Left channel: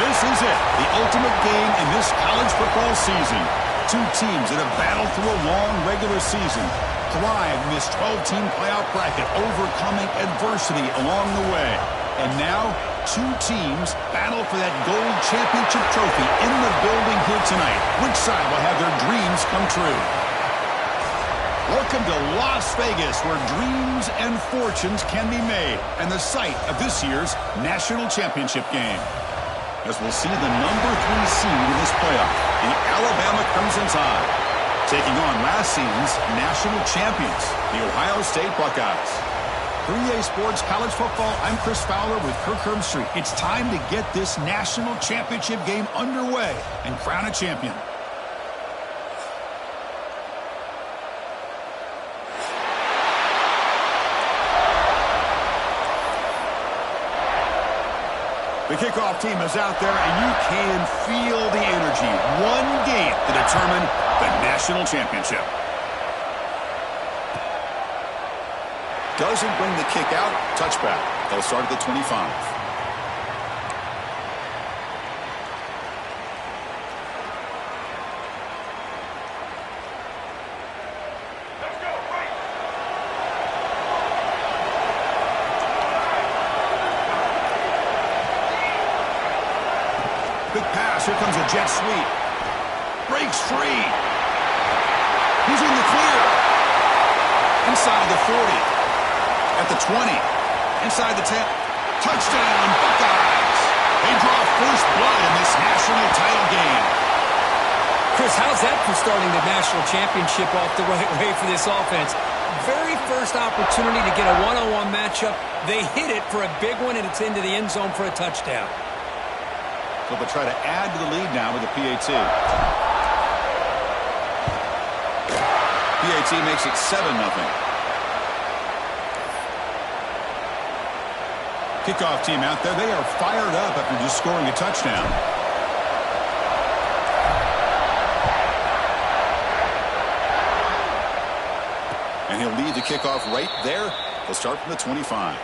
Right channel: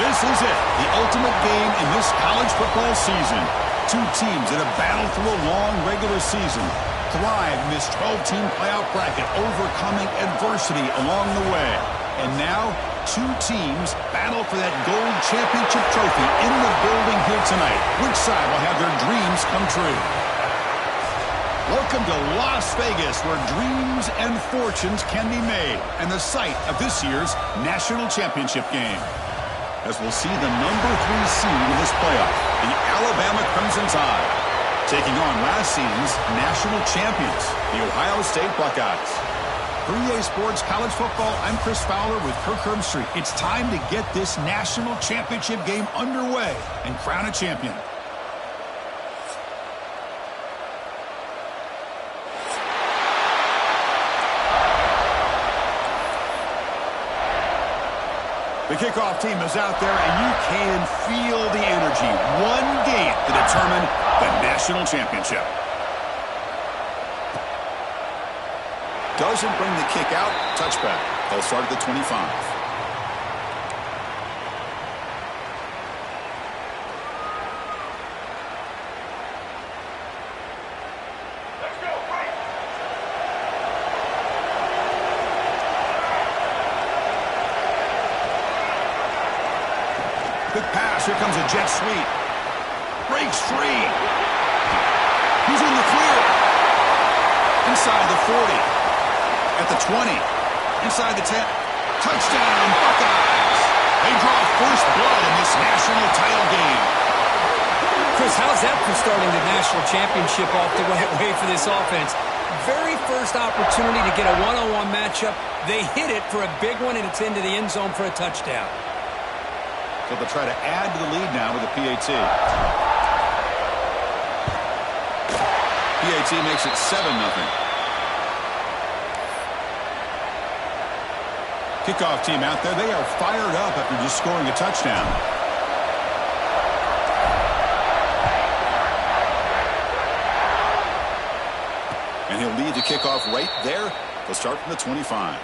This is it, the ultimate game in this college football season. Two teams that have battled through a long regular season, thrived in this 12-team playoff bracket, overcoming adversity along the way. And now, two teams battle for that gold championship trophy in the building here tonight. Which side will have their dreams come true? Welcome to Las Vegas, where dreams and fortunes can be made, and the site of this year's national championship game. As we'll see the number 3 seed in this playoff, the Alabama Crimson Tide, taking on last season's national champions, the Ohio State Buckeyes. For EA Sports College Football, I'm Chris Fowler with Kirk Herbstreit. It's time to get this national championship game underway and crown a champion. The kickoff team is out there, and you can feel the energy. One game to determine the national championship. Doesn't bring the kick out. Touchback. They'll start at the 25. Quick pass. Here comes a jet sweep. Breaks free. He's in the clear. Inside the 40. At the 20. Inside the 10. Touchdown, Buckeyes. They draw first blood in this national title game. Chris, how's that for starting the national championship off the right way for this offense? Very first opportunity to get a one-on-one matchup. They hit it for a big one, and it's into the end zone for a touchdown. So they'll try to add to the lead now with a PAT. PAT makes it 7-0. Kickoff team out there. They are fired up after just scoring a touchdown. And he'll lead the kickoff right there. They'll start from the 25.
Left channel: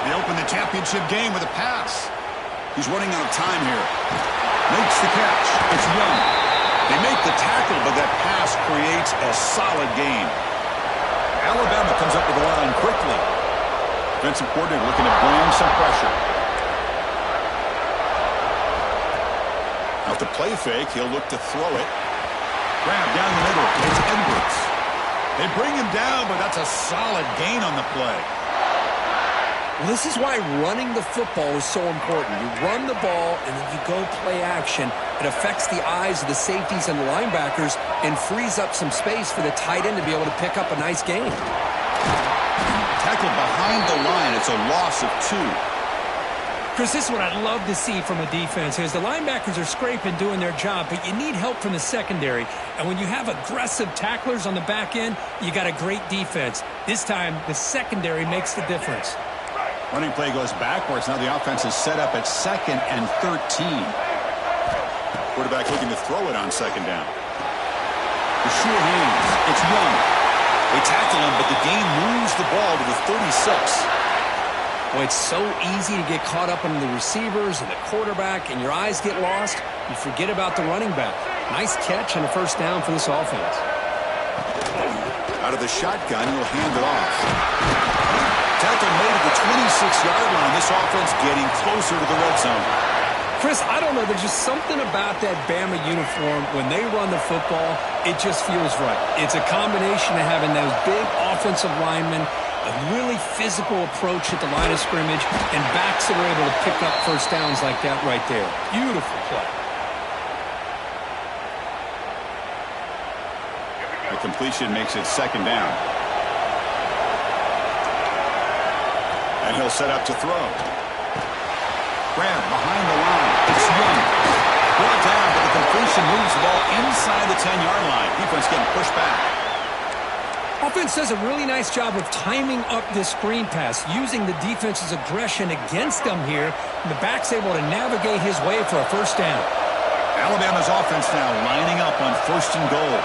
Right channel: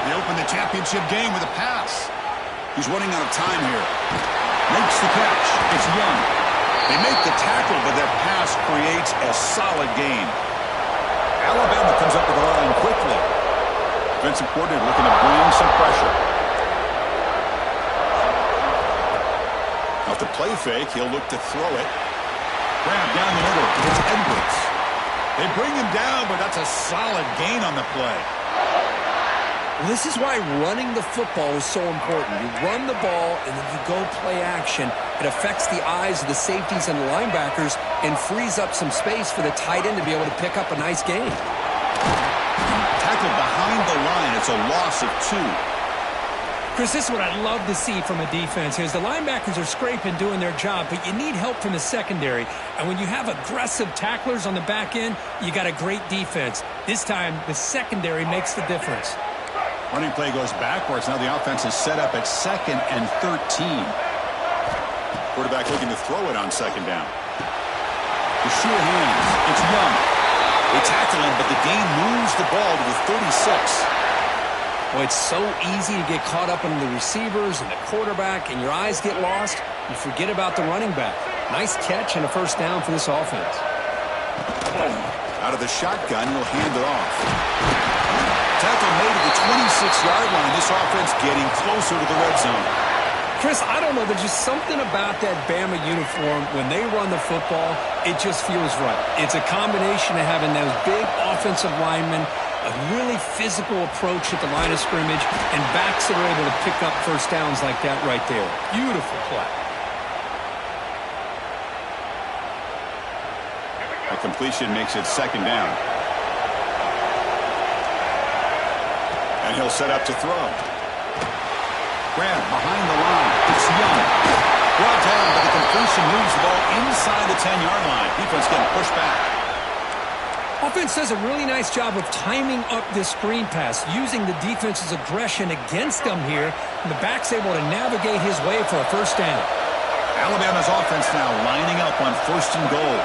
They open the championship game with a pass. He's running out of time here. Makes the catch. It's Young. They make the tackle, but that pass creates a solid gain. Alabama comes up with the line quickly. Defensive coordinator looking to bring some pressure. Out the play fake, he'll look to throw it. Grab down the middle. It's Edwards. They bring him down, but that's a solid gain on the play. Well, this is why running the football is so important. You run the ball, and then you go play action. It affects the eyes of the safeties and the linebackers and frees up some space for the tight end to be able to pick up a nice gain. Tackled behind the line. It's a loss of 2. Chris, this is what I'd love to see from a defense here. Is the linebackers are scraping, doing their job, but you need help from the secondary. And when you have aggressive tacklers on the back end, you got a great defense. This time, the secondary makes the difference. Running play goes backwards. Now the offense is set up at 2nd and 13. Quarterback looking to throw it on 2nd down. The sure hands. It's Young. They tackle him, but the game moves the ball to the 36. Well, it's so easy to get caught up in the receivers and the quarterback, and your eyes get lost. You forget about the running back. Nice catch and a first down for this offense. Out of the shotgun, he'll hand it off. Tackle made at the 26-yard line. This offense getting closer to the red zone. Chris, I don't know. There's just something about that Bama uniform. When they run the football, it just feels right. It's a combination of having those big offensive linemen, a really physical approach at the line of scrimmage, and backs that are able to pick up first downs like that right there. Beautiful play. A completion makes it 2nd down. And he'll set up to throw. Grab behind the line. It's Young. Brought down, but the completion moves the ball inside the 10-yard line. Defense getting pushed back. Offense does a really nice job of timing up this screen pass, using the defense's aggression against them here, and the back's able to navigate his way for a first down. Alabama's offense now lining up on 1st and goal.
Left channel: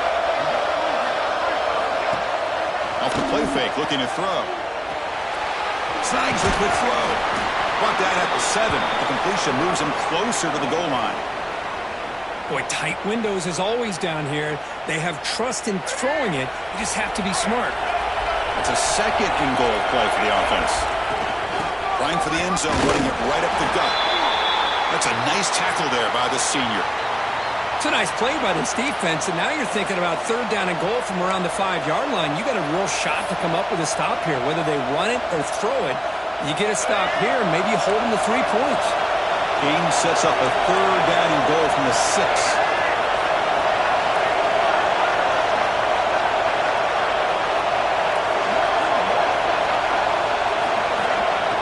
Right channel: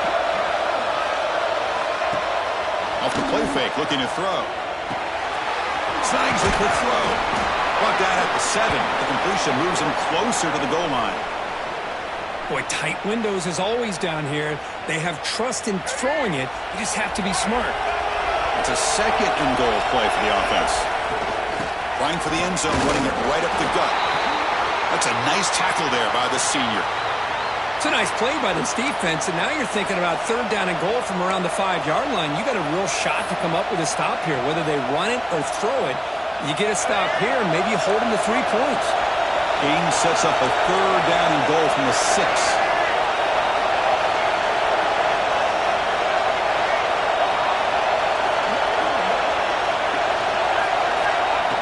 Off the play fake, looking to throw. Snags a quick throw. Brought down at the 7, but the completion moves him closer to the goal line. Boy, tight windows is always down here. They have trust in throwing it. You just have to be smart. That's a 2nd and goal play for the offense. Trying for the end zone, running it right up the gut. That's a nice tackle there by the senior. It's a nice play by this defense, and now you're thinking about 3rd down and goal from around the 5-yard line. You got a real shot to come up with a stop here. Whether they run it or throw it, you get a stop here, and maybe you hold them to 3 points. Game sets up a 3rd down and goal from the 6.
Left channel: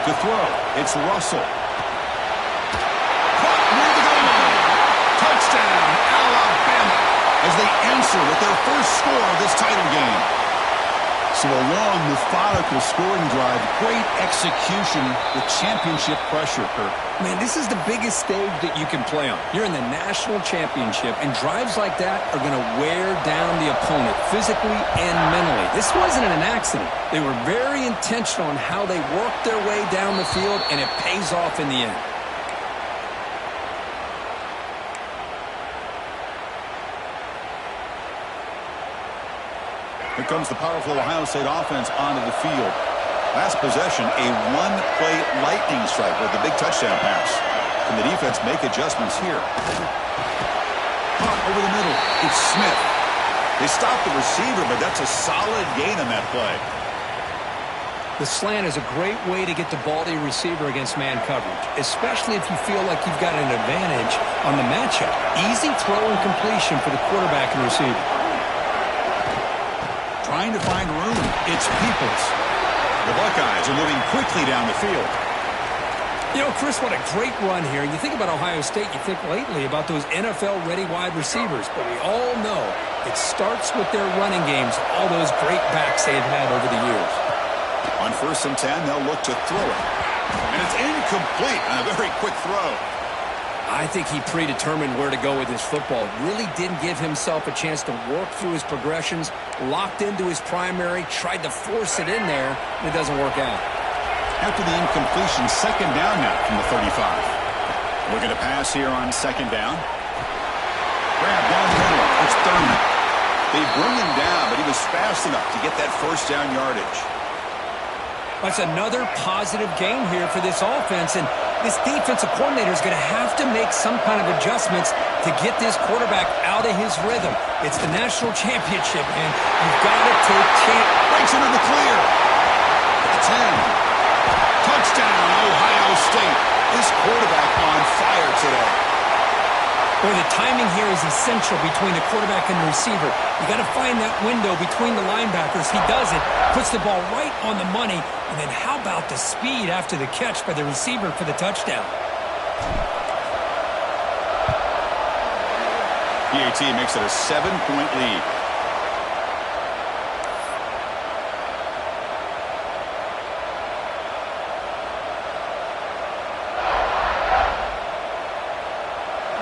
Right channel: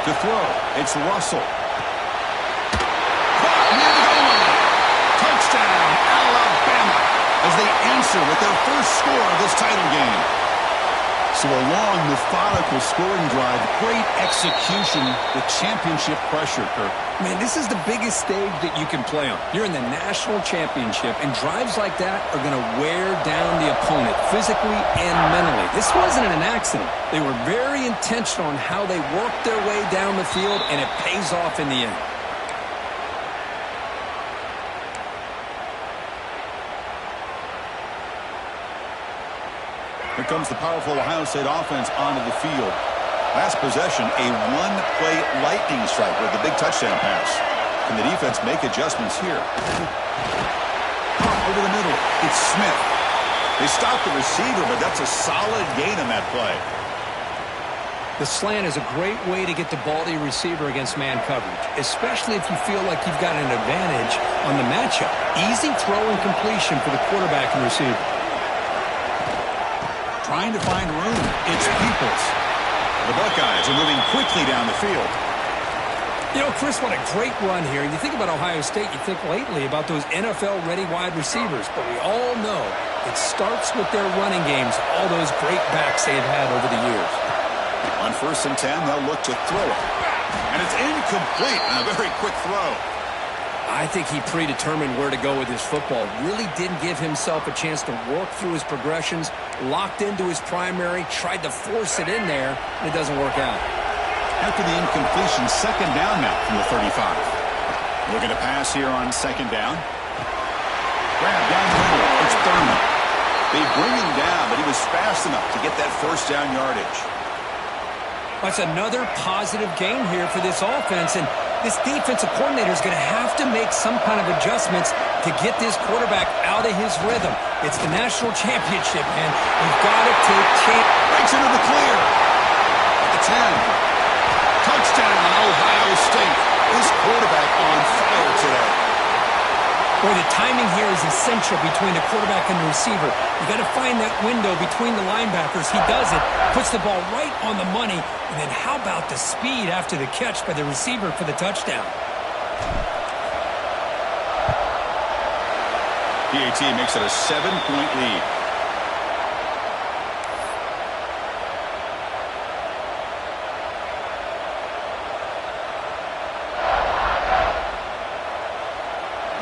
To throw, it's Russell. Caught near the goal line. Touchdown, Alabama, as they answer with their first score of this title game. So a long, methodical scoring drive, great execution with championship pressure, Kirk. Man, this is the biggest stage that you can play on. You're in the national championship, and drives like that are going to wear down the opponent physically and mentally. This wasn't an accident. They were very intentional on how they worked their way down the field, and it pays off in the end. Here comes the powerful Ohio State offense onto the field. Last possession, a one-play lightning strike with the big touchdown pass. Can the defense make adjustments here? Caught over the middle. It's Smith. They stopped the receiver, but that's a solid gain on that play. The slant is a great way to get the ball to your receiver against man coverage, especially if you feel like you've got an advantage on the matchup. Easy throw and completion for the quarterback and receiver. Trying to find room. It's Peoples. The Buckeyes are moving quickly down the field. You know, Chris, what a great run here. You think about Ohio State, you think lately about those NFL-ready wide receivers, but we all know it starts with their running games, all those great backs they've had over the years. On 1st and 10, they'll look to throw it. And it's incomplete on a very quick throw. I think he predetermined where to go with his football. Really didn't give himself a chance to work through his progressions, locked into his primary, tried to force it in there, and it doesn't work out. After the incompletion, 2nd down now from the 35. Looking to pass here on 2nd down. Grab down the middle. It's Thurman. They bring him down, but he was fast enough to get that 1st down yardage. That's another positive game here for this offense, and this defensive coordinator is going to have to make some kind of adjustments to get this quarterback out of his rhythm. It's the national championship, man. You've got to take chance. Breaks into the clear. At the 10. Touchdown, Ohio State. This quarterback on fire today. Boy, the timing here is essential between the quarterback and the receiver. You got to find that window between the linebackers. He does it, puts the ball right on the money, and then how about the speed after the catch by the receiver for the touchdown? PAT makes it a 7-point lead.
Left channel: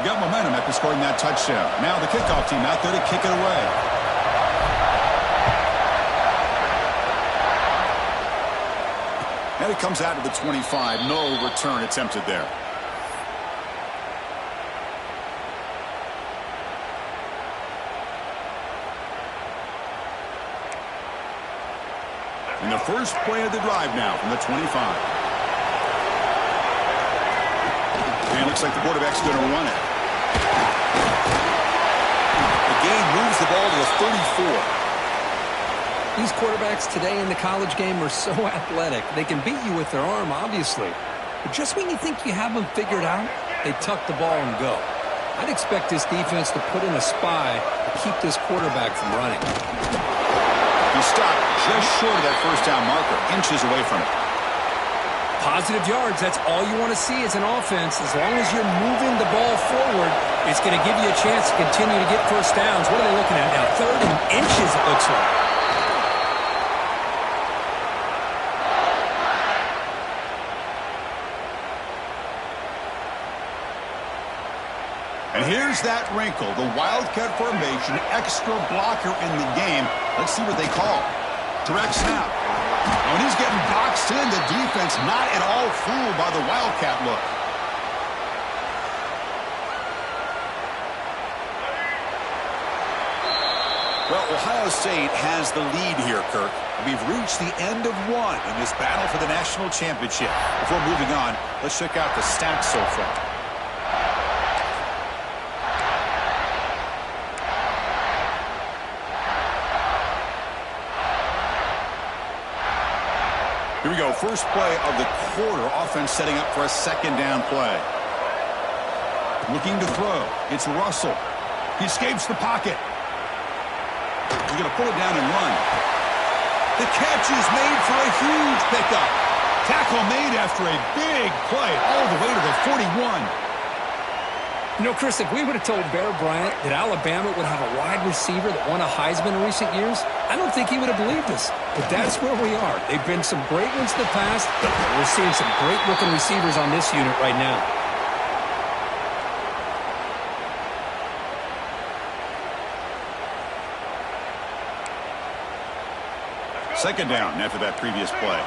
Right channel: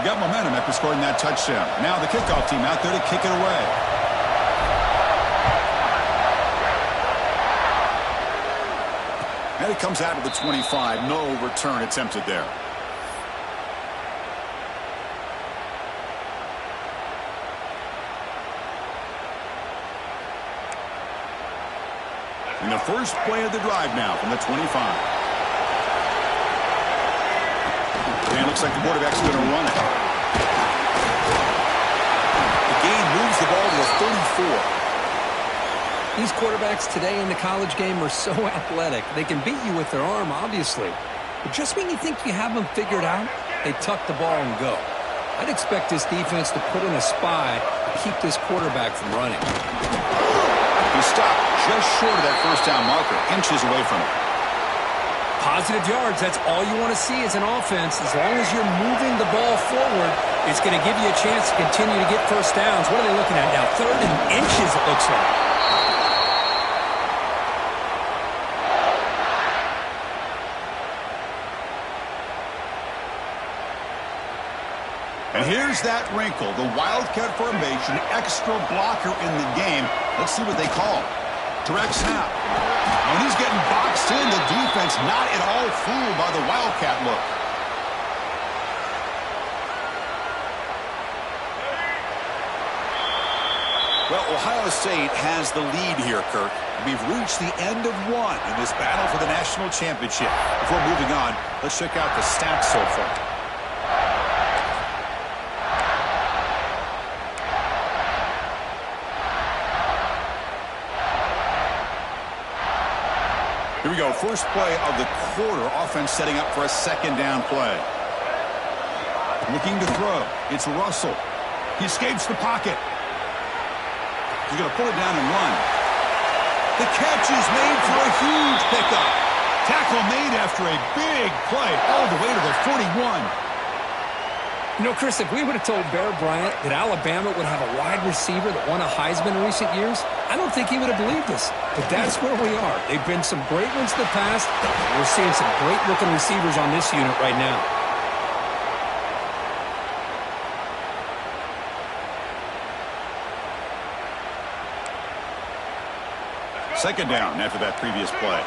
Got momentum after scoring that touchdown. Now the kickoff team out there to kick it away. And it comes out to the 25. No return attempted there. And the first play of the drive now from the 25. And it looks like the quarterback's going to run it. The gain moves the ball to the 34. These quarterbacks today in the college game are so athletic. They can beat you with their arm, obviously. But just when you think you have them figured out, they tuck the ball and go. I'd expect this defense to put in a spy to keep this quarterback from running. He stopped just short of that 1st down marker, inches away from it. Positive yards, that's all you want to see as an offense. As long as you're moving the ball forward, it's going to give you a chance to continue to get 1st downs. What are they looking at now? 3rd and inches, it looks like. And here's that wrinkle, the Wildcat formation, extra blocker in the game. Let's see what they call. Direct snap. When he's getting boxed in, the defense not at all fooled by the Wildcat look. Well, Ohio State has the lead here, Kirk. We've reached the end of one in this battle for the national championship. Before moving on, let's check out the stats so far. Here we go. First play of the quarter. Offense setting up for a second down play. Looking to throw. It's Russell. He escapes the pocket. He's going to pull it down and run. The catch is made for a huge pickup. Tackle made after a big play all the way to the 41. You know, Chris, if we would have told Bear Bryant that Alabama would have a wide receiver that won a Heisman in recent years, I don't think he would have believed us. But that's where we are. They've been some great ones in the past. We're seeing some great rookie receivers on this unit right now. Second down after that previous play.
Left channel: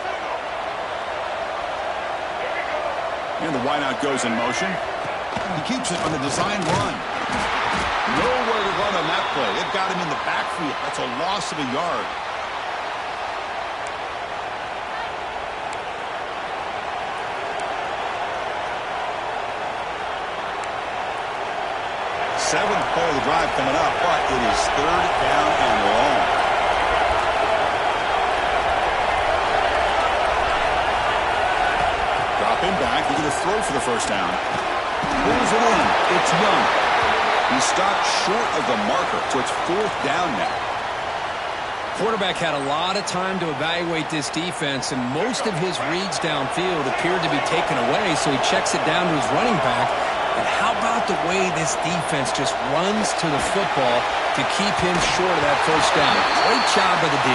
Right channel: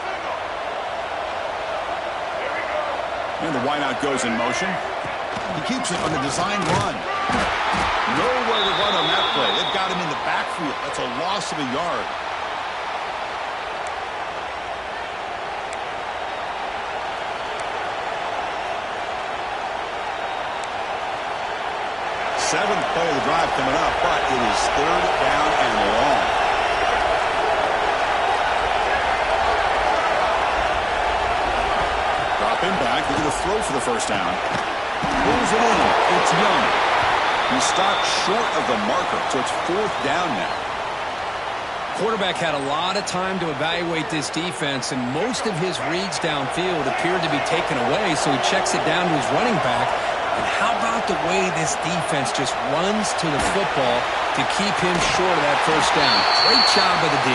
And the wideout goes in motion. He keeps it on the design run. Nowhere to run on that play. They've got him in the backfield. That's a loss of a yard. Seventh play of the drive coming up, but it is third down and long. Dropping back, they're going to throw for the first down. Pulls it in. It's Young. He stopped short of the marker, so it's fourth down now. Quarterback had a lot of time to evaluate this defense, and most of his reads downfield appeared to be taken away, so he checks it down to his running back. And how about the way this defense just runs to the football to keep him short of that first down? Great job by the D.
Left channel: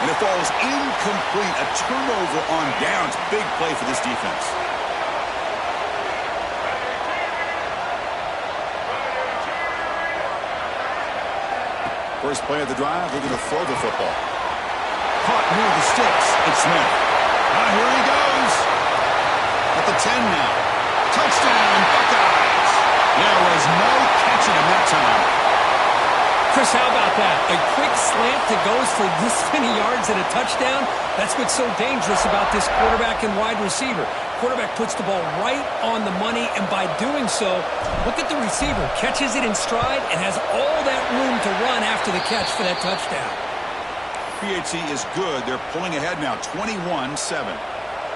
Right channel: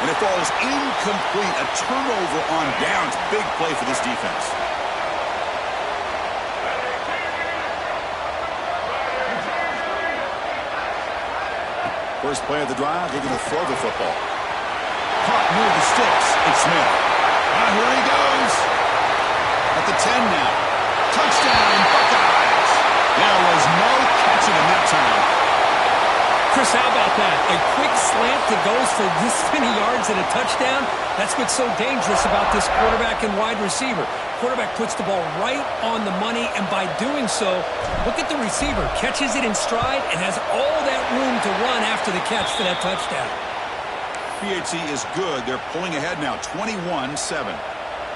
And it falls incomplete. A turnover on downs. Big play for this defense. First play of the drive, we're going to throw the football. Caught near the sticks. It's Smith. Here he goes. At the 10 now. Touchdown, Buckeyes. There was no catching him that time. Chris, how about that? A quick slant that goes for this many yards and a touchdown. That's what's so dangerous about this quarterback and wide receiver. Quarterback puts the ball right on the money, and by doing so, look at the receiver. Catches it in stride and has all that room to run after the catch for that touchdown. PHC is good. They're pulling ahead now, 21-7.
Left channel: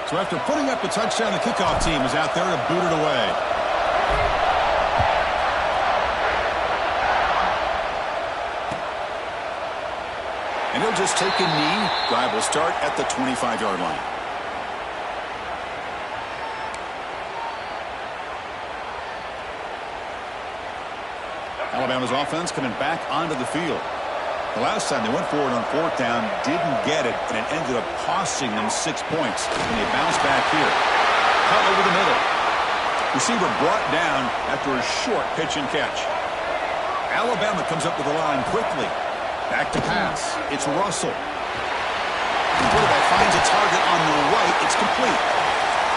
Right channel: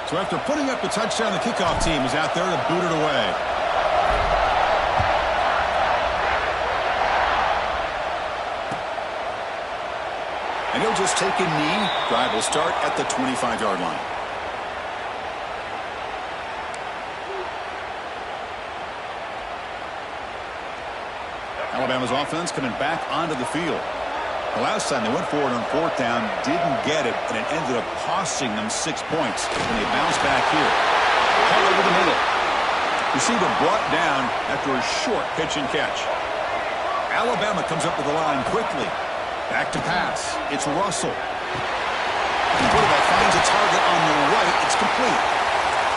So after putting up the touchdown, the kickoff team is out there to boot it away. And he'll just take a knee. Drive will start at the 25-yard line. Alabama's offense coming back onto the field. The last time they went forward on fourth down, didn't get it, and it ended up costing them 6 points. And they bounce back here. Caught over the middle. Receiver brought down after a short pitch and catch. Alabama comes up to the line quickly. Back to pass. It's Russell. The quarterback finds a target on the right. It's complete.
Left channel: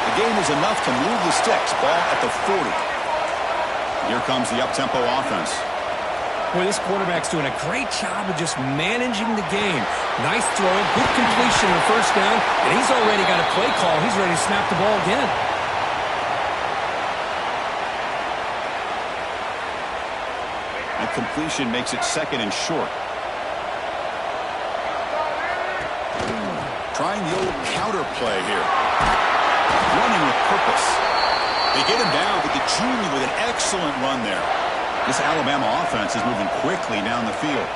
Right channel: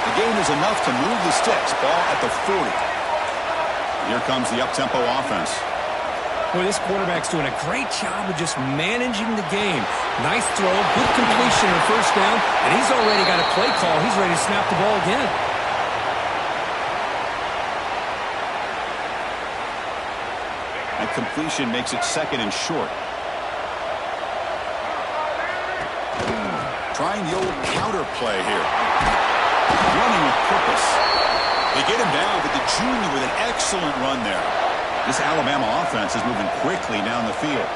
The gain is enough to move the sticks. Ball at the 40. Here comes the up-tempo offense. Boy, this quarterback's doing a great job of just managing the game. Nice throw, good completion on first down, and he's already got a play call. He's ready to snap the ball again. That completion makes it second and short. Trying the old counter play here. Running with purpose. They get him down, but the junior with an excellent run there. This Alabama offense is moving quickly down the field.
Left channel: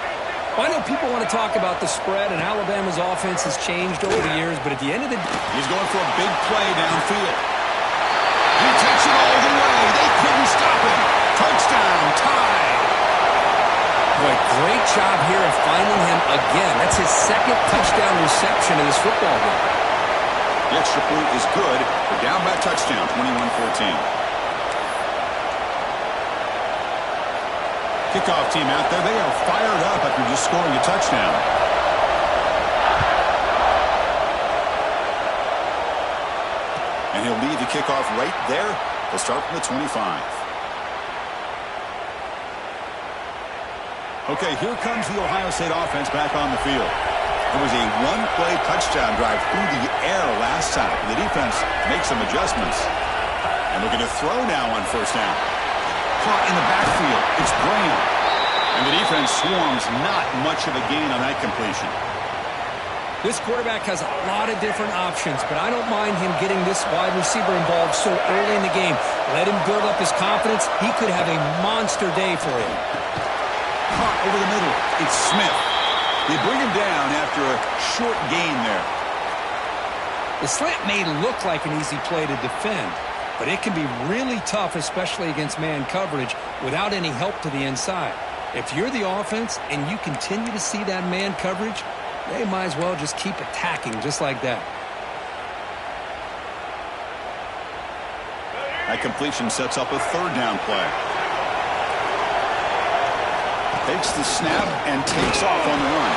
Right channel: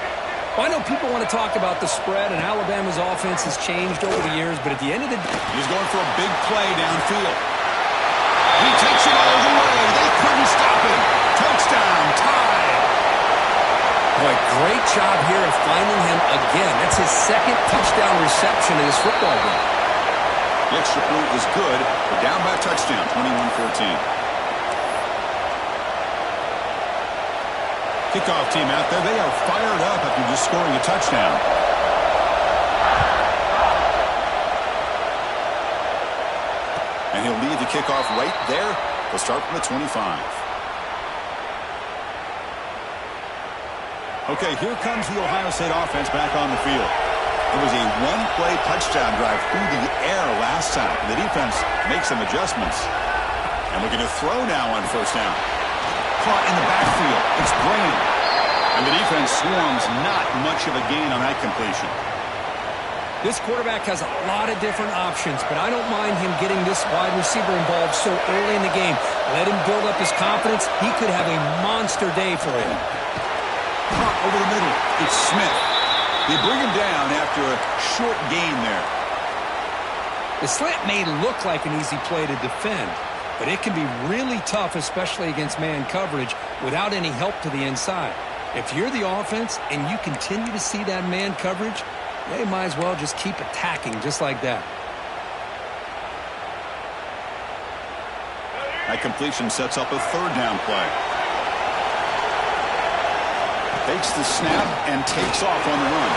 Well, I know people want to talk about the spread, and Alabama's offense has changed over the years, but at the end of the day, he's going for a big play downfield. He takes it all the way. They couldn't stop him. Touchdown, tie. Boy, great job here of finding him again. That's his second touchdown reception in this football game. The extra point is good. They're down by a touchdown, 21-14. Kickoff team out there, they are fired up after just scoring a touchdown. And he'll lead the kickoff right there. He'll start from the 25. Okay, here comes the Ohio State offense back on the field. It was a one-play touchdown drive through the air last time. The defense makes some adjustments. And looking to throw now on first down. Caught in the backfield. It's Graham. And the defense swarms, not much of a gain on that completion. This quarterback has a lot of different options, but I don't mind him getting this wide receiver involved so early in the game. Let him build up his confidence. He could have a monster day for him. Caught over the middle. It's Smith. They bring him down after a short gain there. The slant may look like an easy play to defend, but it can be really tough, especially against man coverage, without any help to the inside. If you're the offense and you continue to see that man coverage, they might as well just keep attacking just like that. That completion sets up a third down play. Takes the snap and takes off on the run.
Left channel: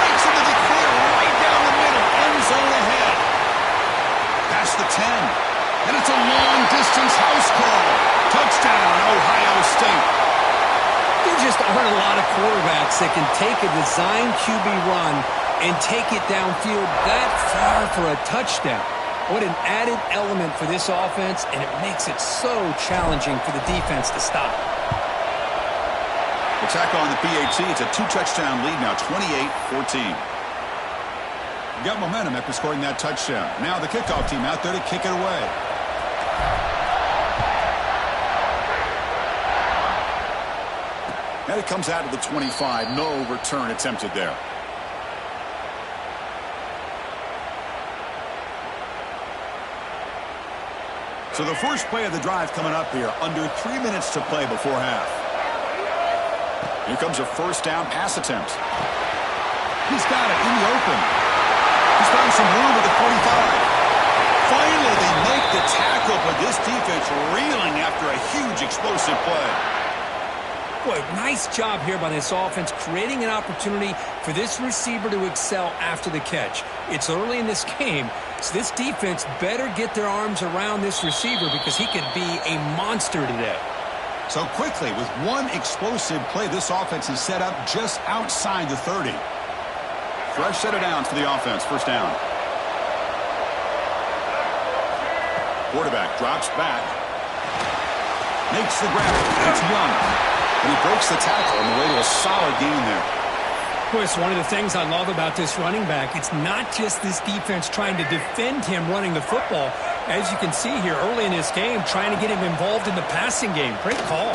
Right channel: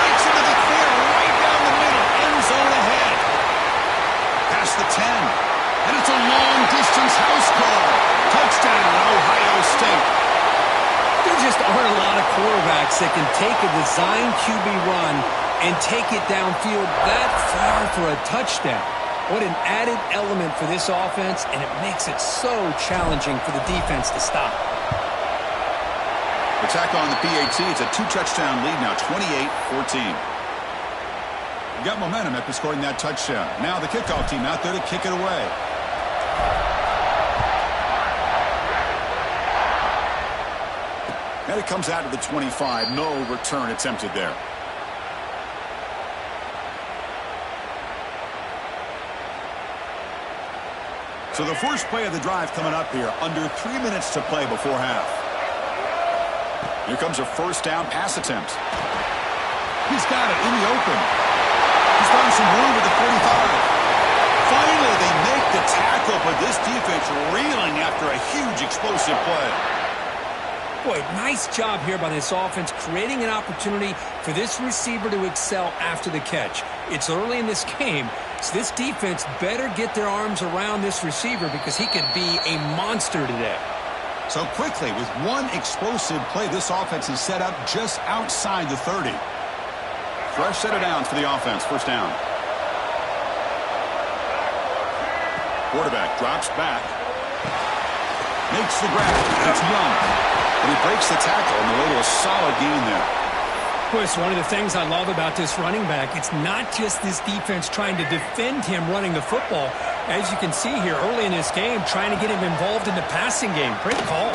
Breaks into the clear right down the middle. End zone ahead. Past the 10. And it's a long-distance house call. Touchdown, Ohio State. There just aren't a lot of quarterbacks that can take a design QB run and take it downfield that far for a touchdown. What an added element for this offense, and it makes it so challenging for the defense to stop. Attack on the PAT. It's a 2-touchdown lead now, 28-14. Got momentum after scoring that touchdown. Now the kickoff team out there to kick it away. And it comes out to the 25. No return attempted there. So the first play of the drive coming up here. Under 3 minutes to play before half. Here comes a first down pass attempt. He's got it in the open. He's found some room at the 45. Finally, they make the tackle, but this defense reeling after a huge explosive play. Boy, nice job here by this offense, creating an opportunity for this receiver to excel after the catch. It's early in this game, so this defense better get their arms around this receiver because he could be a monster today. So quickly, with one explosive play, this offense is set up just outside the 30. Fresh set of downs for the offense. First down. Quarterback drops back. Makes the grab. It's Young. And he breaks the tackle on the way to a solid gain there. Boy, it's one of the things I love about this running back. It's not just this defense trying to defend him running the football. As you can see here early in this game, trying to get him involved in the passing game. Great call.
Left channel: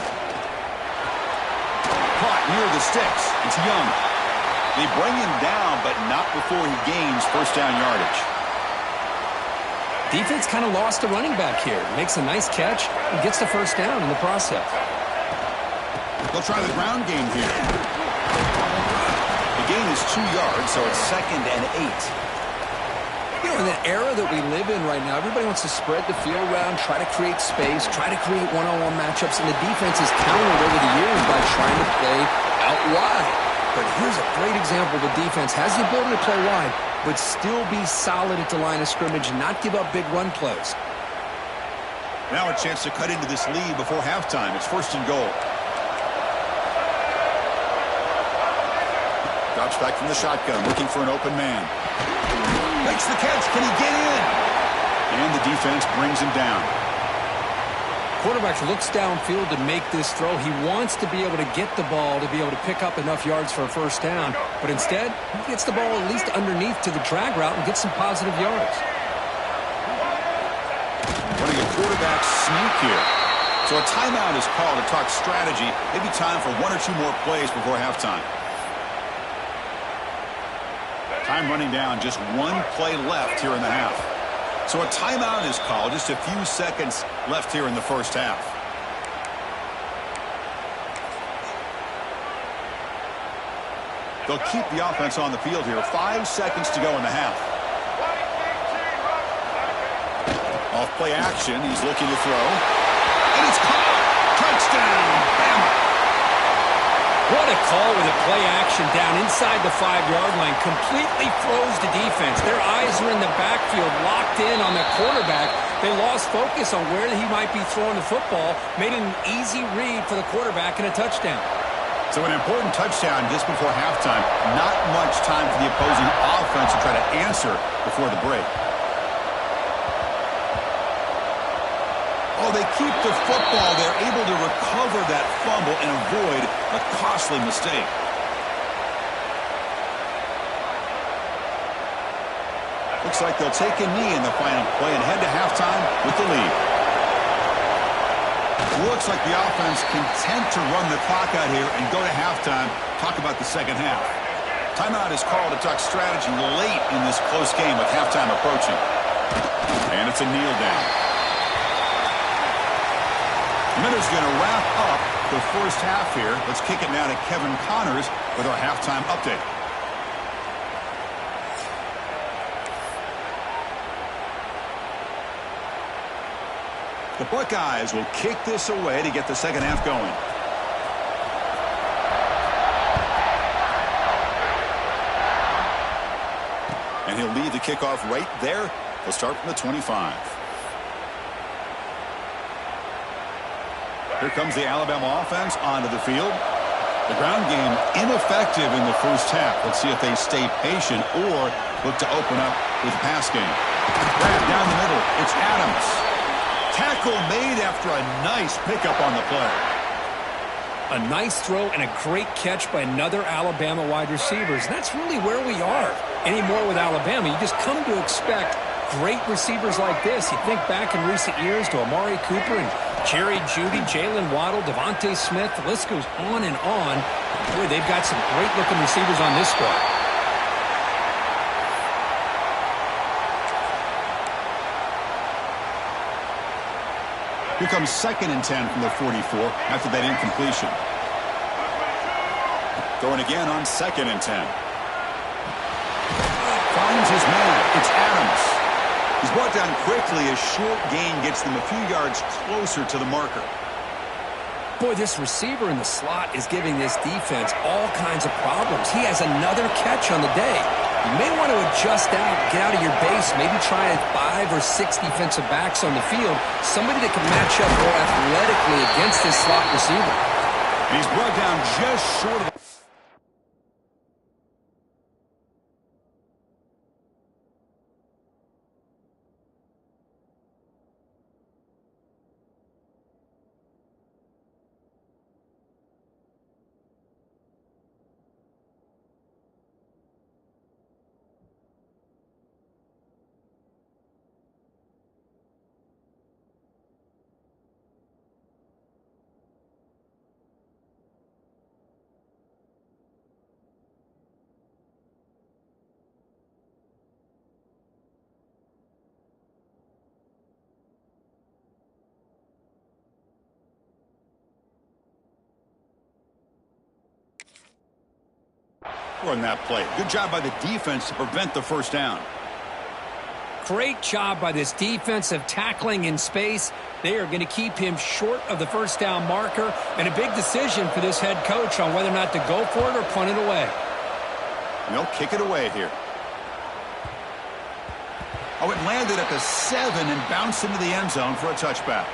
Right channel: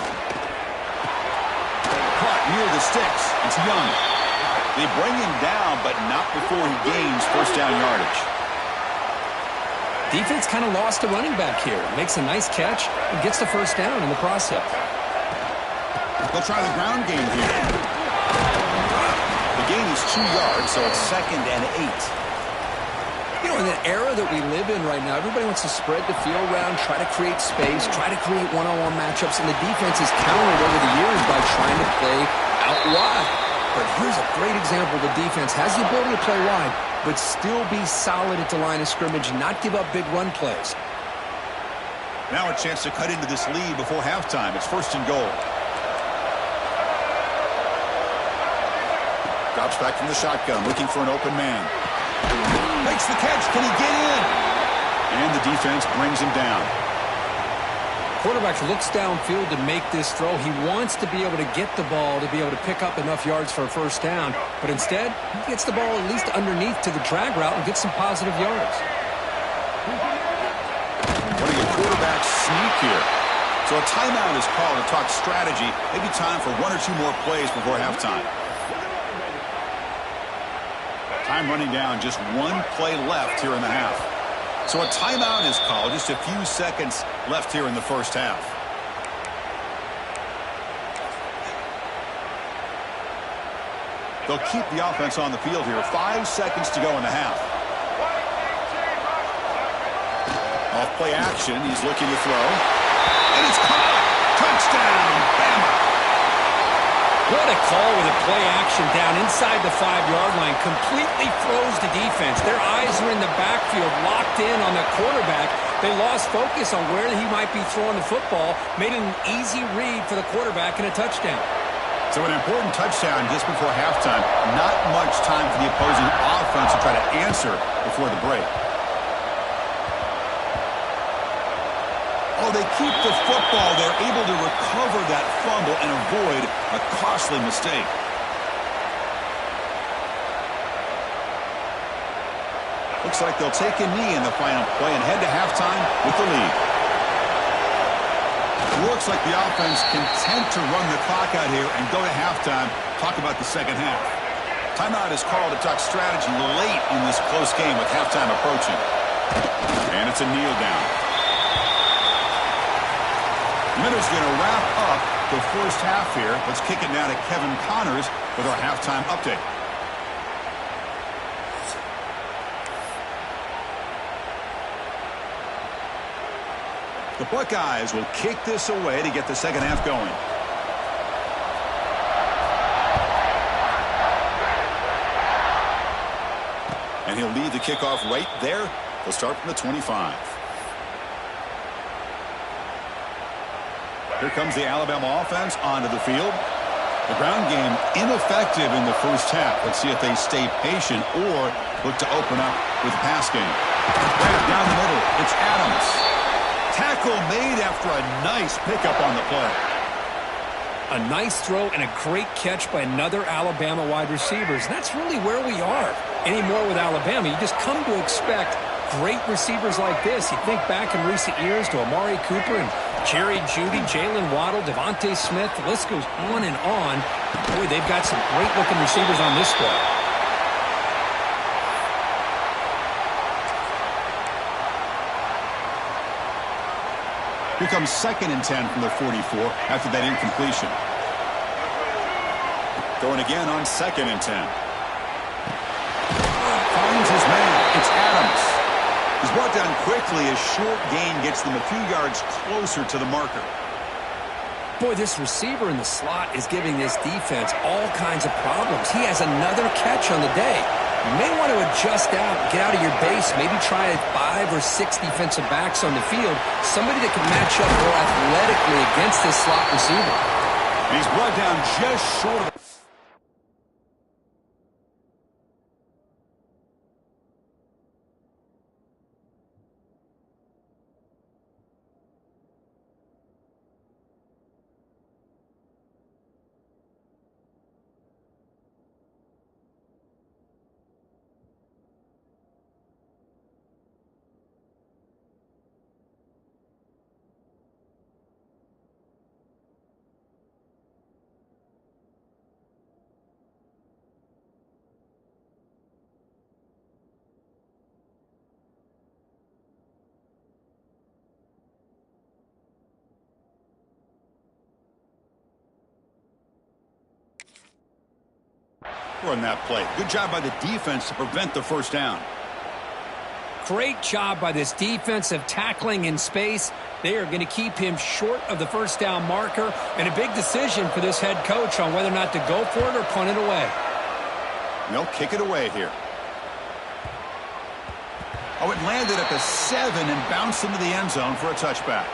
Caught near the sticks. It's Young. They bring him down, but not before he gains first down yardage. Defense kind of lost a running back here. Makes a nice catch and gets the first down in the process. They'll try the ground game here. The gain is 2 yards, so it's 2nd and 8. You know, in the era that we live in right now, everybody wants to spread the field around, try to create space, try to create one-on-one matchups, and the defense is countered over the years by trying to play out wide. But here's a great example. The defense has the ability to play wide, but still be solid at the line of scrimmage, not give up big run plays. Now a chance to cut into this lead before halftime. It's 1st and goal. Drops back from the shotgun, looking for an open man. Makes the catch. Can he get in? And the defense brings him down. Quarterback looks downfield to make this throw. He wants to be able to get the ball to be able to pick up enough yards for a first down. But instead, he gets the ball at least underneath to the drag route and gets some positive yards. Running a quarterback sneak here. So a timeout is called to talk strategy. Maybe time for 1 or 2 more plays before halftime. Time running down, just 1 play left here in the half. So a timeout is called, just a few seconds left here in the first half. They'll keep the offense on the field here. 5 seconds to go in the half. Off play action, he's looking to throw. And it's caught! Touchdown, Bama! What a call with a play action down inside the 5-yard line. Completely froze the defense. Their eyes are in the backfield, locked in on the quarterback. They lost focus on where he might be throwing the football. Made an easy read for the quarterback and a touchdown. So an important touchdown just before halftime. Not much time for the opposing offense to try to answer before the break. Oh, they keep the football. They're able to recover that fumble and avoid a costly mistake. Looks like they'll take a knee in the final play and head to halftime with the lead. Looks like the offense content to run the clock out here and go to halftime. Talk about the second half. Timeout is called to talk strategy late in this close game with halftime approaching. And it's a kneel down. Minutes going to wrap up the first half here. Let's kick it now to Kevin Connors with our halftime update. The Buckeyes will kick this away to get the second half going. And he'll lead the kickoff right there. They'll start from the 25. Here comes the Alabama offense onto the field. The ground game ineffective in the first half. Let's see if they stay patient or look to open up with the pass game. Grab down the middle. It's Adams. Tackle made after a nice pickup on the play. A nice throw and a great catch by another Alabama wide receiver. That's really where we are. Anymore with Alabama, you just come to expect great receivers like this. You think back in recent years to Amari Cooper and Jerry Jeudy, Jalen Waddle, Devontae Smith. The list goes on and on. Boy, they've got some great-looking receivers on this squad. Here comes 2nd and 10 from the 44 after that incompletion. Throwing again on 2nd and 10. Finds his man. It's Adams. He's brought down quickly as short gain gets them a few yards closer to the marker. Boy, this receiver in the slot is giving this defense all kinds of problems. He has another catch on the day. You may want to adjust out, get out of your base, maybe try 5 or 6 defensive backs on the field, somebody that can match up more athletically against this slot receiver. And he's brought down just short of the... on that play. Good job by the defense to prevent the first down. Great job by this defensive tackling in space. They are going to keep him short of the first down marker, and a big decision for this head coach on whether or not to go for it or punt it away. And they'll kick it away here. Oh, it landed at the 7 and bounced into the end zone for a touchback.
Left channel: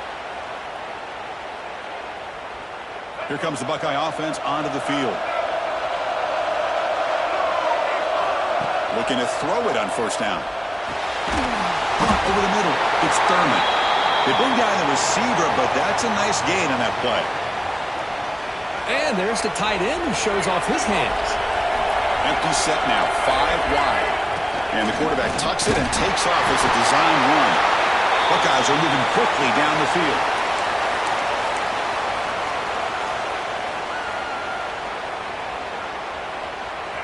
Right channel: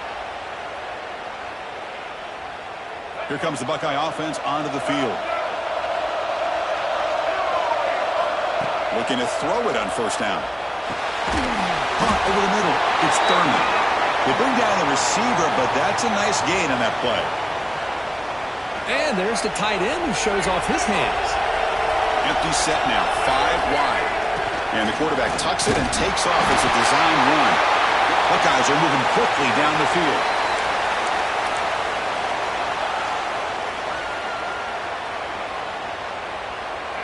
Here comes the Buckeye offense onto the field. Looking to throw it on first down. Punt over the middle. It's Thurman. They bring down the receiver, but that's a nice gain on that play. And there's the tight end who shows off his hands. Empty set now, 5 wide. And the quarterback tucks it and takes off as a design run. Buckeyes are moving quickly down the field.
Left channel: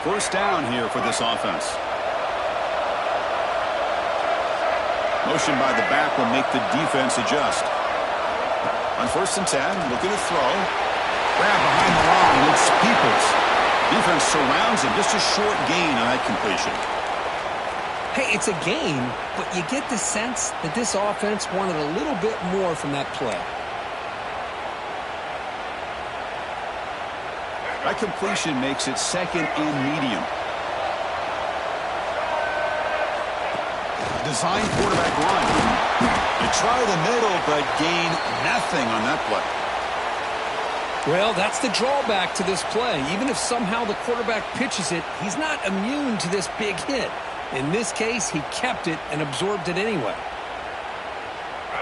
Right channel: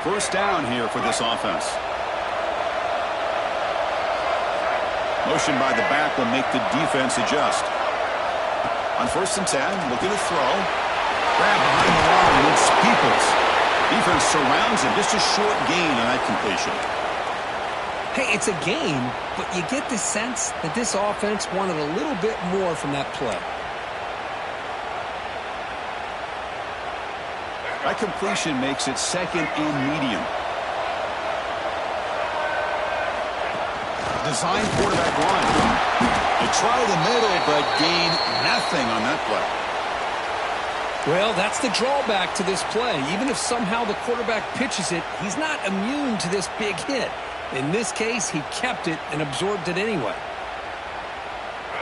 First down here for this offense. Motion by the back will make the defense adjust. On 1st and 10, looking to throw. Grab behind the line. It's Peoples. Defense surrounds him. Just a short gain on that completion. Hey, it's a gain, but you get the sense that this offense wanted a little bit more from that play. That completion makes it second and medium. Design quarterback run. They try the middle, but gain nothing on that play. Well, that's the drawback to this play. Even if somehow the quarterback pitches it, he's not immune to this big hit. In this case, he kept it and absorbed it anyway.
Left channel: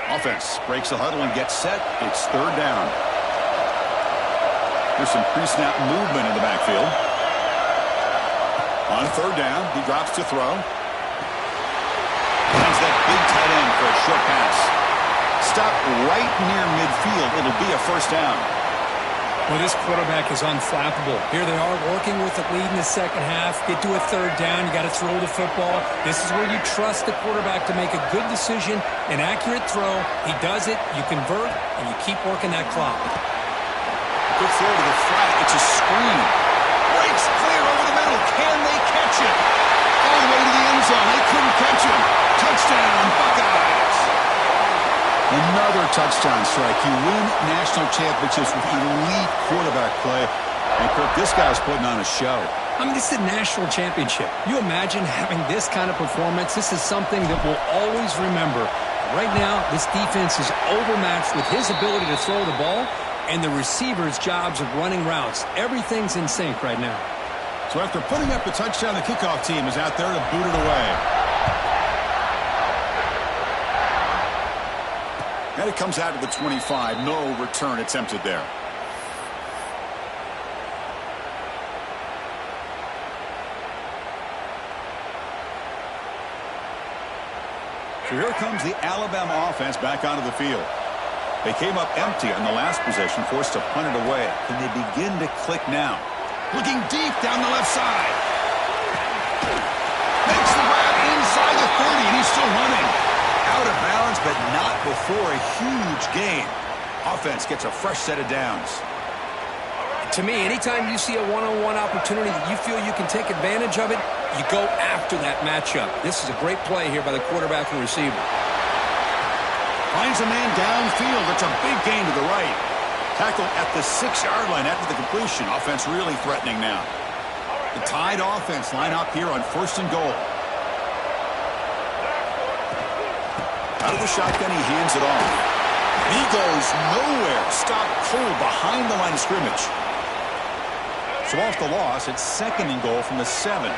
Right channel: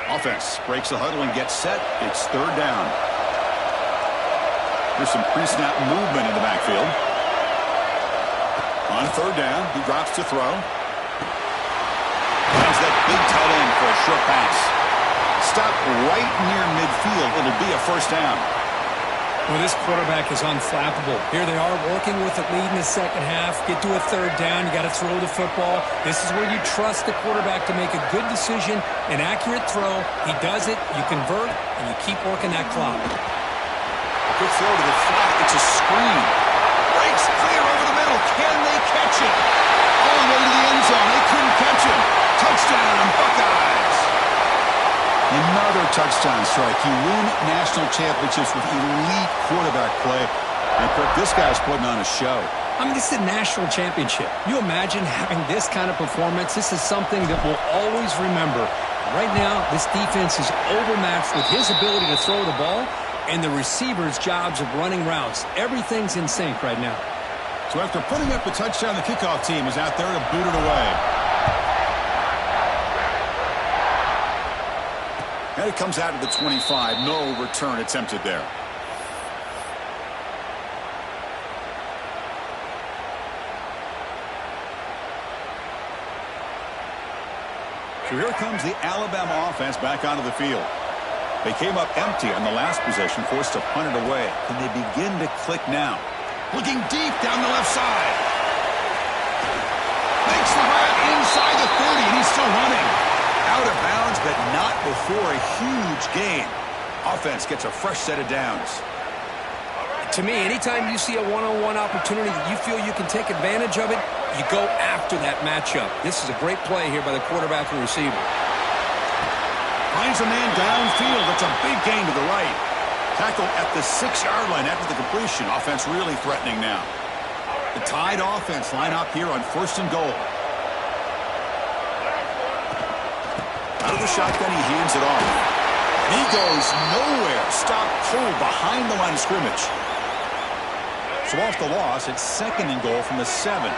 Offense breaks the huddle and gets set. It's third down. There's some pre-snap movement in the backfield. On third down, he drops to throw. Finds that big tight end for a short pass. Stop right near midfield. It'll be a first down. Well, this quarterback is unflappable. Here they are working with the lead in the second half. Get to a third down. You got to throw the football. This is where you trust the quarterback to make a good decision, an accurate throw. He does it, you convert, and you keep working that clock. Good throw to the flat. It's a screen. Breaks clear over the middle. Can they catch it? All the way to the end zone. They couldn't catch him. Touchdown, Buckeyes. Another touchdown strike. You win national championships with elite quarterback play. And, Kirk, this guy's putting on a show. I mean, this is a national championship. You imagine having this kind of performance? This is something that we'll always remember. Right now, this defense is overmatched with his ability to throw the ball and the receivers' jobs of running routes. Everything's in sync right now. So after putting up the touchdown, the kickoff team is out there to boot it away. And it comes out of the 25. No return attempted there. So here comes the Alabama offense back onto the field. They came up empty on the last possession, forced to punt it away. Can they begin to click now? Looking deep down the left side. Makes the grab inside the 30, and he's still running. Out of bounds, but not before a huge gain. Offense gets a fresh set of downs. To me, anytime you see a one-on-one opportunity that you feel you can take advantage of it, you go after that matchup. This is a great play here by the quarterback and receiver. Finds a man downfield. It's a big gain to the right. Tackled at the 6-yard line after the completion. Offense really threatening now. The Tide offense line up here on 1st and goal. Out of the shotgun, he hands it off. And he goes nowhere. Stopped cold behind the line of scrimmage. So off the loss, it's 2nd and goal from the 7.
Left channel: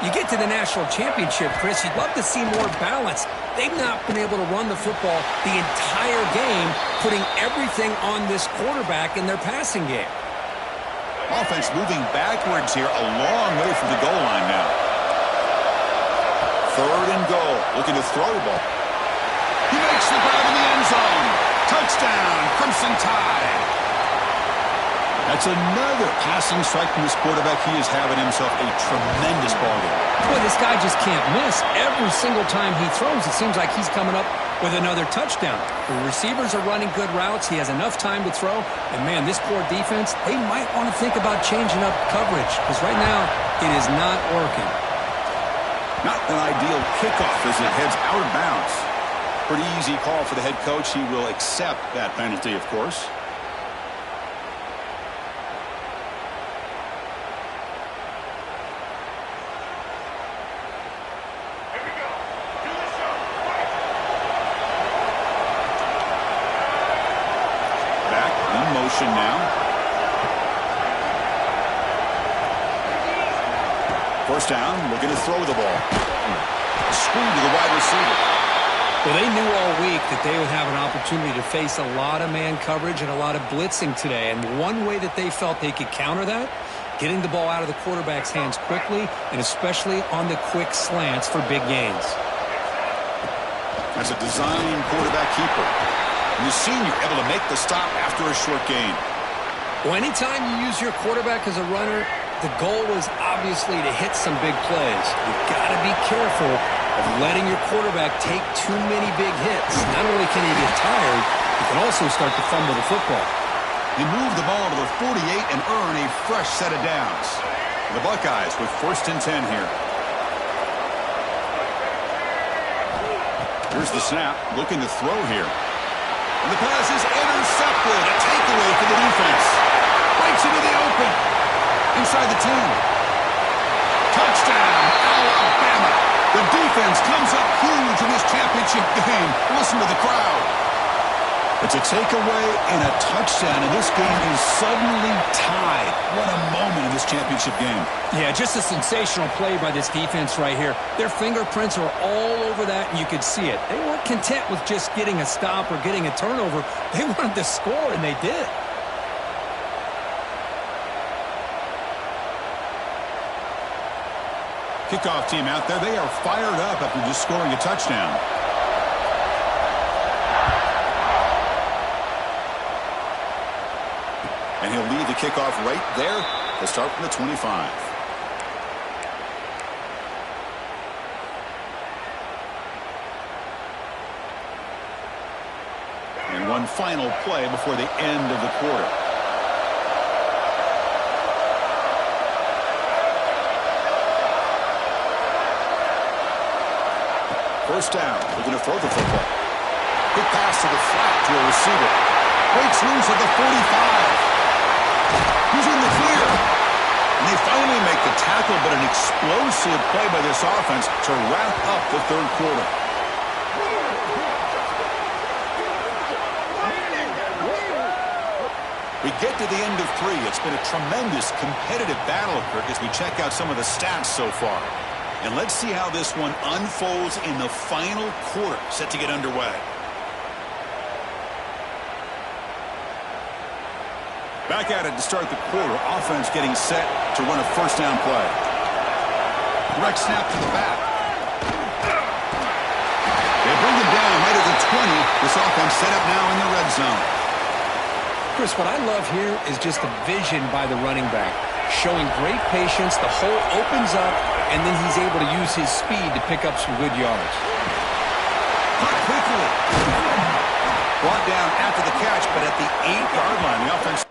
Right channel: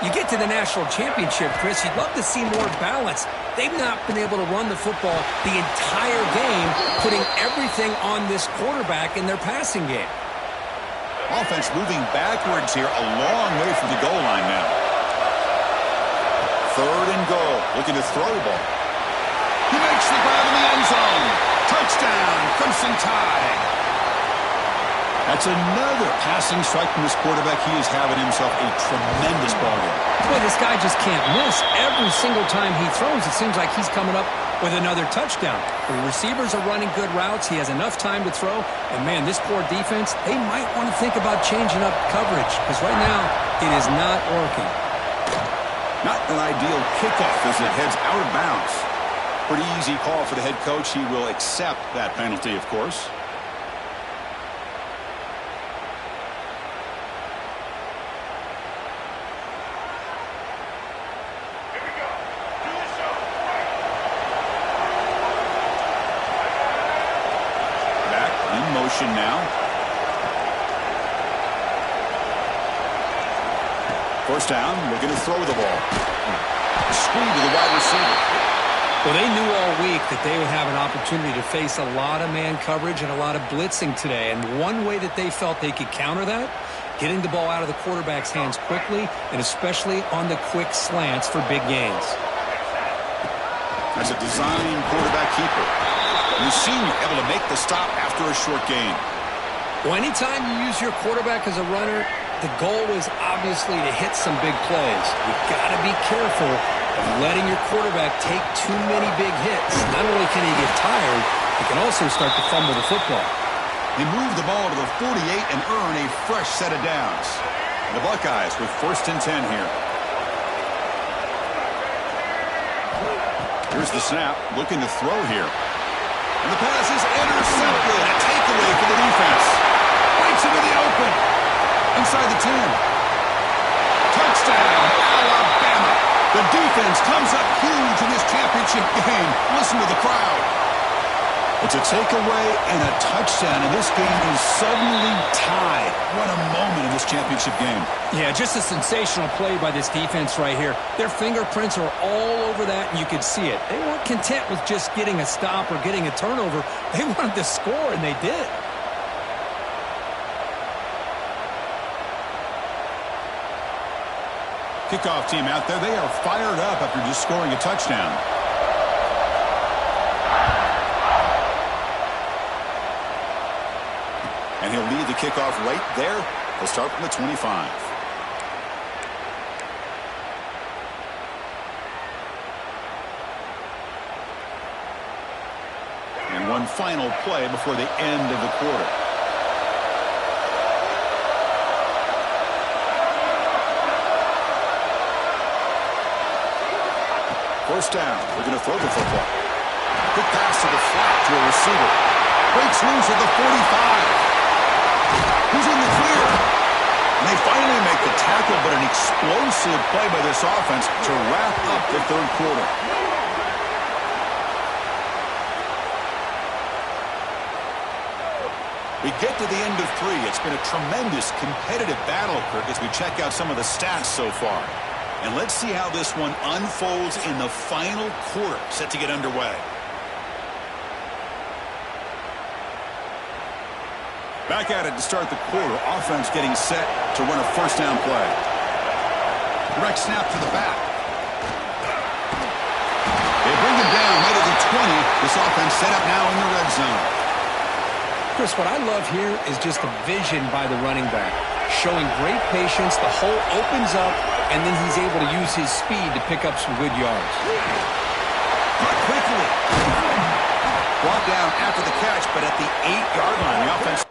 You get to the national championship, Chris, you'd love to see more balance. They've not been able to run the football the entire game, putting everything on this quarterback in their passing game. Offense moving backwards here, a long way from the goal line now. 3rd and goal, looking to throw the ball. He makes the grab in the end zone. Touchdown, Crimson Tide. That's another passing strike from this quarterback. He is having himself a tremendous ballgame. Boy, this guy just can't miss. Every single time he throws, it seems like he's coming up with another touchdown. The receivers are running good routes. He has enough time to throw. And, man, this poor defense, they might want to think about changing up coverage because right now it is not working. Not an ideal kickoff as it heads out of bounds. Pretty easy call for the head coach. He will accept that penalty, of course. Motion now. First down, looking to throw the ball. Screen to the wide receiver. Well, they knew all week that they would have an opportunity to face a lot of man coverage and a lot of blitzing today. And one way that they felt they could counter that, getting the ball out of the quarterback's hands quickly, and especially on the quick slants for big gains. That's a design quarterback keeper. And the senior able to make the stop after a short gain. Well, anytime you use your quarterback as a runner, the goal was obviously to hit some big plays. You've got to be careful of letting your quarterback take too many big hits. Not only can he get tired, he can also start to fumble the football. They move the ball to the 48 and earn a fresh set of downs. The Buckeyes with 1st and 10 here. Here's the snap, looking to throw here. And the pass is intercepted. A takeaway for the defense. Breaks into the open. inside the 10. Touchdown, Alabama. The defense comes up huge in this championship game. Listen to the crowd. It's a takeaway and a touchdown, and this game is suddenly tied. What a moment in this championship game. Yeah, just a sensational play by this defense right here. Their fingerprints are all over that, and you could see it. They weren't content with just getting a stop or getting a turnover. They wanted to score, and they did. Kickoff team out there. They are fired up after just scoring a touchdown. And he'll lead the kickoff right there to start from the 25. And one final play before the end of the quarter. First down, looking to throw the football. Quick pass to the flat to a receiver. Breaks loose at the 45. He's in the clear. And they finally make the tackle, but an explosive play by this offense to wrap up the third quarter. We get to the end of 3. It's been a tremendous competitive battle, Kirk, as we check out some of the stats so far. And let's see how this one unfolds in the final quarter, set to get underway. Back at it to start the quarter. Offense getting set to run a first down play. Direct snap to the back. They bring him down right at the 20. This offense set up now in the red zone. Chris, what I love here is just the vision by the running back. Showing great patience. The hole opens up, and then he's able to use his speed to pick up some good yards. Caught quickly. Brought down after the catch, but at the 8-yard line, the offense.